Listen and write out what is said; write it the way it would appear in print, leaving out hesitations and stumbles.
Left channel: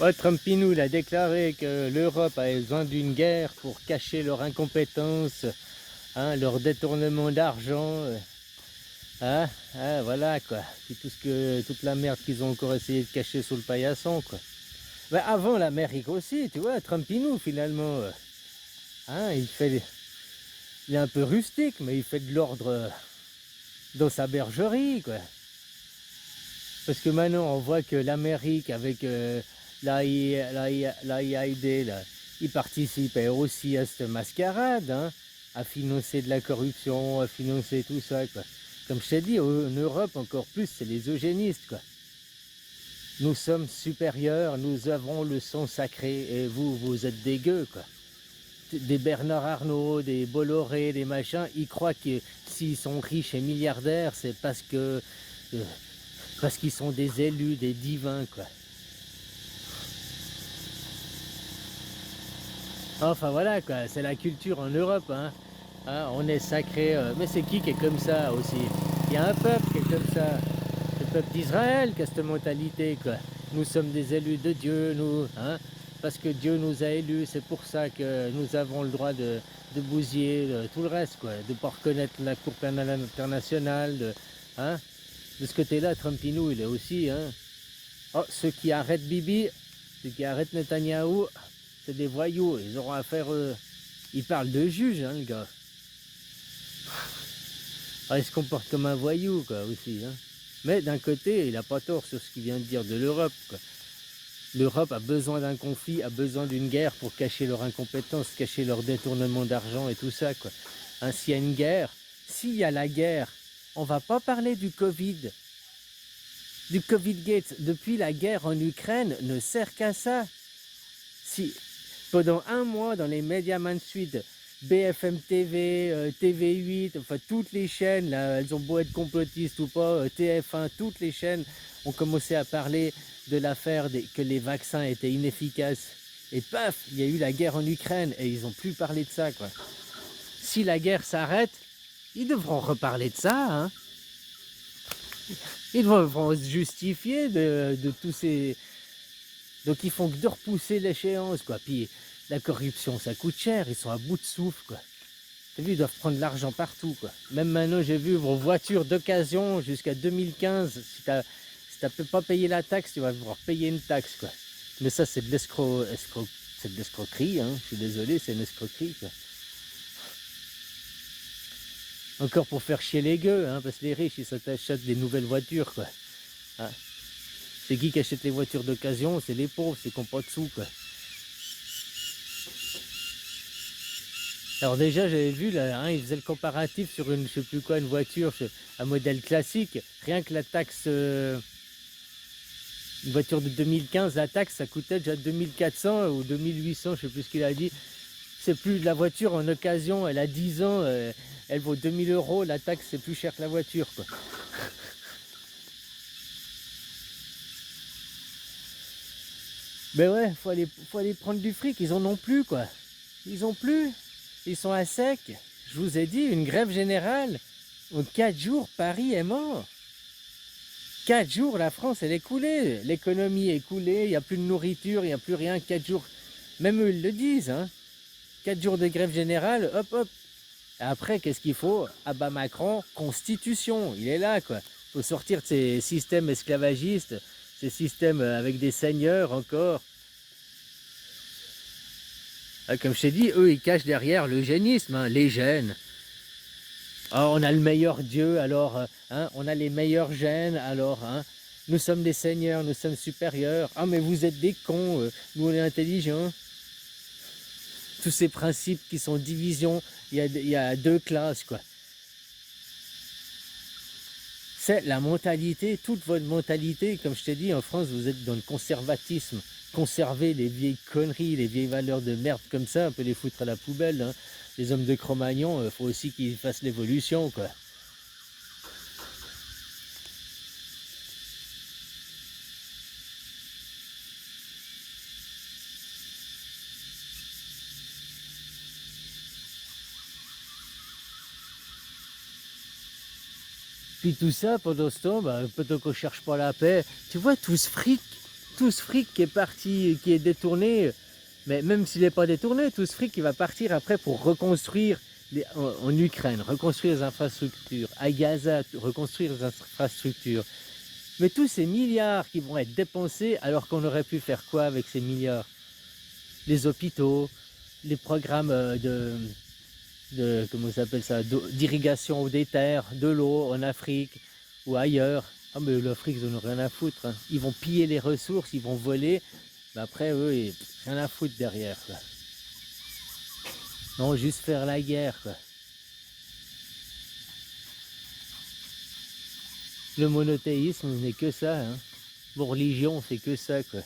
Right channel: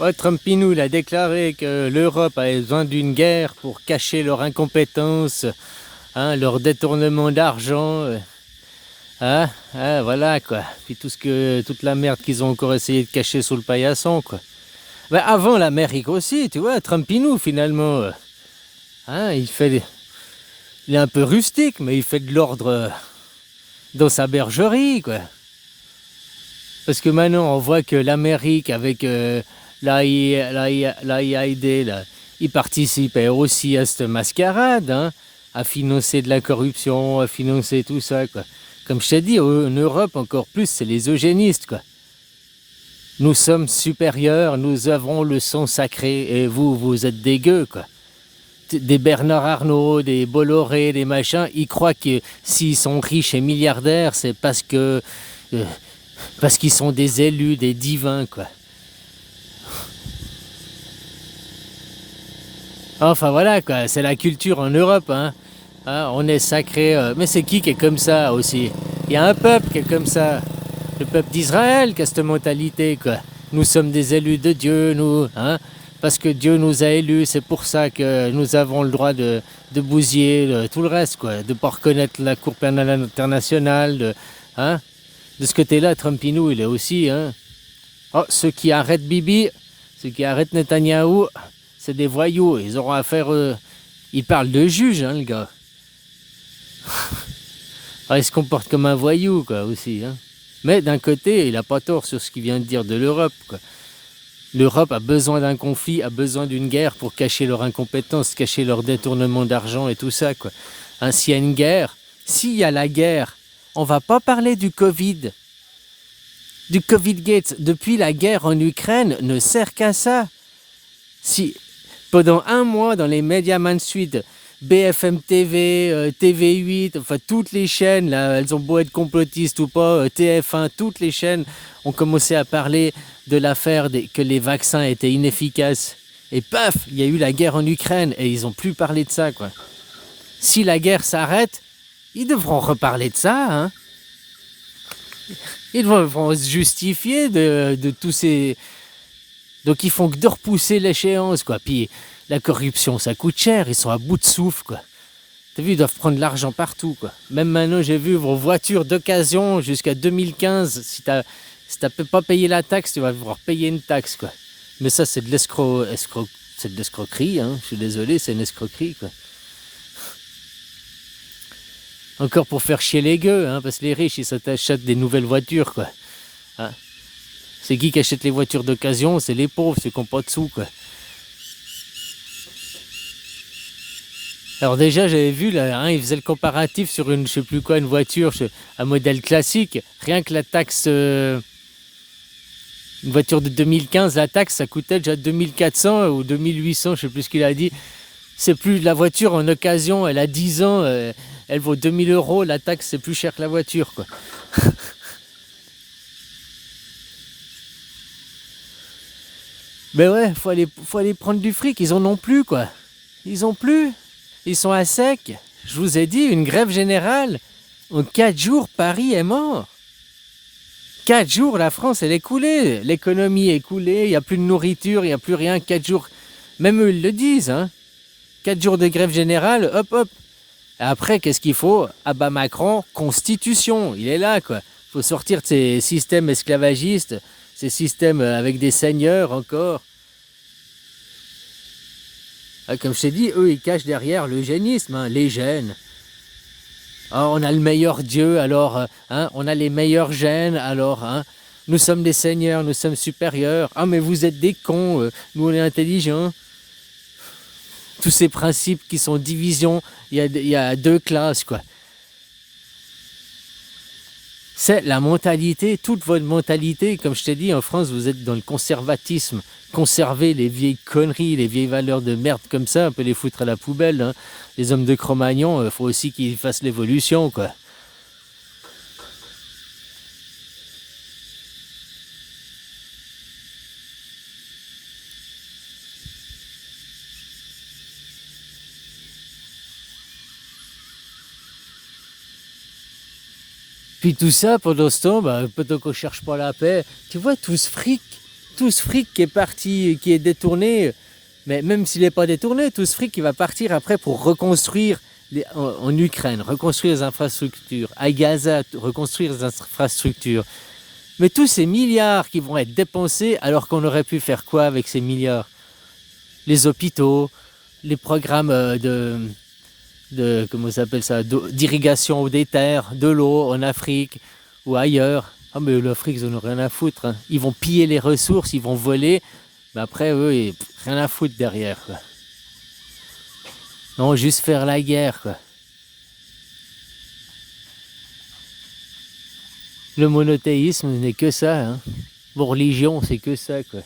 Ouais, Trumpinou, il a déclaré que l'Europe avait besoin d'une guerre pour cacher leur incompétence, hein, leur détournement d'argent, voilà quoi. Puis toute la merde qu'ils ont encore essayé de cacher sous le paillasson, quoi. Mais avant l'Amérique aussi, tu vois, Trumpinou finalement, il est un peu rustique, mais il fait de l'ordre dans sa bergerie, quoi. Parce que maintenant, on voit que l'Amérique, avec l'AID, là, il participait aussi à cette mascarade, hein, à financer de la corruption, à financer tout ça, quoi. Comme je t'ai dit, en Europe, encore plus, c'est les eugénistes, quoi. Nous sommes supérieurs, nous avons le sang sacré, et vous, vous êtes des gueux, quoi. Des Bernard Arnault, des Bolloré, des machins, ils croient que s'ils sont riches et milliardaires, c'est euh, parce qu'ils sont des élus, des divins, quoi. Enfin voilà, quoi, c'est la culture en Europe, hein. On est sacré, mais c'est qui est comme ça aussi? Il y a un peuple qui est comme ça. Le peuple d'Israël qui a cette mentalité, quoi. Nous sommes des élus de Dieu, nous, hein. Parce que Dieu nous a élus, c'est pour ça que nous avons le droit de bousiller tout le reste, quoi. De ne pas reconnaître la Cour pénale internationale, hein. De ce côté-là, Trumpinou, il est aussi, hein. Oh, ceux qui arrêtent Bibi, ceux qui arrêtent Netanyahou, c'est des voyous. Ils auront affaire. Il parle de juge, hein, le gars. Il se comporte comme un voyou, quoi, aussi, hein. Mais d'un côté, il n'a pas tort sur ce qu'il vient de dire de l'Europe, quoi. L'Europe a besoin d'un conflit, a besoin d'une guerre pour cacher leur incompétence, cacher leur détournement d'argent et tout ça, quoi. Hein, s'il y a une guerre, s'il y a la guerre, on va pas parler du Covid. Du Covid-Gate, depuis la guerre en Ukraine, ne sert qu'à ça. Si pendant un mois, dans les médias mainstream, BFM TV, TV8, enfin toutes les chaînes, là, elles ont beau être complotistes ou pas, TF1, toutes les chaînes ont commencé à parler de l'affaire que les vaccins étaient inefficaces. Et paf, il y a eu la guerre en Ukraine et ils n'ont plus parlé de ça, quoi. Si la guerre s'arrête, ils devront reparler de ça, hein. Ils devront se justifier de tous ces... Donc ils font que de repousser l'échéance, quoi. Puis la corruption, ça coûte cher, ils sont à bout de souffle, quoi. T'as vu, ils doivent prendre l'argent partout, quoi. Même maintenant, j'ai vu vos voitures d'occasion jusqu'à 2015. Si t'as pas payé la taxe, tu vas devoir payer une taxe, quoi. Mais ça, c'est de c'est de l'escroquerie, hein. Je suis désolé, c'est une escroquerie, quoi. Encore pour faire chier les gueux, hein, parce que les riches, ils s'achètent des nouvelles voitures, quoi. Hein. C'est qui achète les voitures d'occasion? C'est les pauvres, ceux qui n'ont pas de sous, quoi. Alors déjà, j'avais vu, là, hein, ils faisaient le comparatif sur une, je sais plus quoi, une voiture, un modèle classique. Rien que la taxe, une voiture de 2015, la taxe, ça coûtait déjà 2400 ou 2800, je sais plus ce qu'il a dit. C'est plus la voiture en occasion, elle a 10 ans, elle vaut 2000 euros, la taxe, c'est plus cher que la voiture, quoi. Mais ouais, faut aller prendre du fric, ils en ont plus, quoi. Ils ont plus. Ils sont à sec. Je vous ai dit, une grève générale. En 4 jours, Paris est mort. 4 jours, la France, elle est coulée. L'économie est coulée, il n'y a plus de nourriture, il n'y a plus rien. 4 jours, même eux, ils le disent, hein. 4 jours de grève générale, hop, hop. Après, qu'est-ce qu'il faut? Ah bah Macron, constitution, il est là, quoi. Il faut sortir de ces systèmes esclavagistes, ces systèmes avec des seigneurs encore. Ah, comme je t'ai dit, eux, ils cachent derrière l'eugénisme, hein, les gènes. Ah, on a le meilleur Dieu, alors, hein, on a les meilleurs gènes, alors, hein, nous sommes des seigneurs, nous sommes supérieurs. Ah, mais vous êtes des cons, nous on est intelligents. Tous ces principes qui sont division, il y a deux classes, quoi. C'est la mentalité, toute votre mentalité. Comme je t'ai dit, en France, vous êtes dans le conservatisme. Conserver les vieilles conneries, les vieilles valeurs de merde comme ça, on peut les foutre à la poubelle, hein. Les hommes de Cro-Magnon, il faut aussi qu'ils fassent l'évolution, quoi. Puis tout ça, pendant ce temps, bah, pendant qu'on cherche pas la paix, tu vois tout ce fric, tout ce fric qui est parti, qui est détourné, mais même s'il n'est pas détourné, tout ce fric qui va partir après pour reconstruire en Ukraine, reconstruire les infrastructures, à Gaza, reconstruire les infrastructures. Mais tous ces milliards qui vont être dépensés, alors qu'on aurait pu faire quoi avec ces milliards? Les hôpitaux, les programmes comment ça s'appelle ça, d'irrigation des terres, de l'eau en Afrique ou ailleurs. Ah mais l'Afrique, ils n'ont rien à foutre. Hein. Ils vont piller les ressources, ils vont voler. Mais après, eux, rien à foutre derrière. Quoi. Non, juste faire la guerre. Quoi. Le monothéisme n'est que ça. Hein. Vos religions, c'est que ça. Quoi.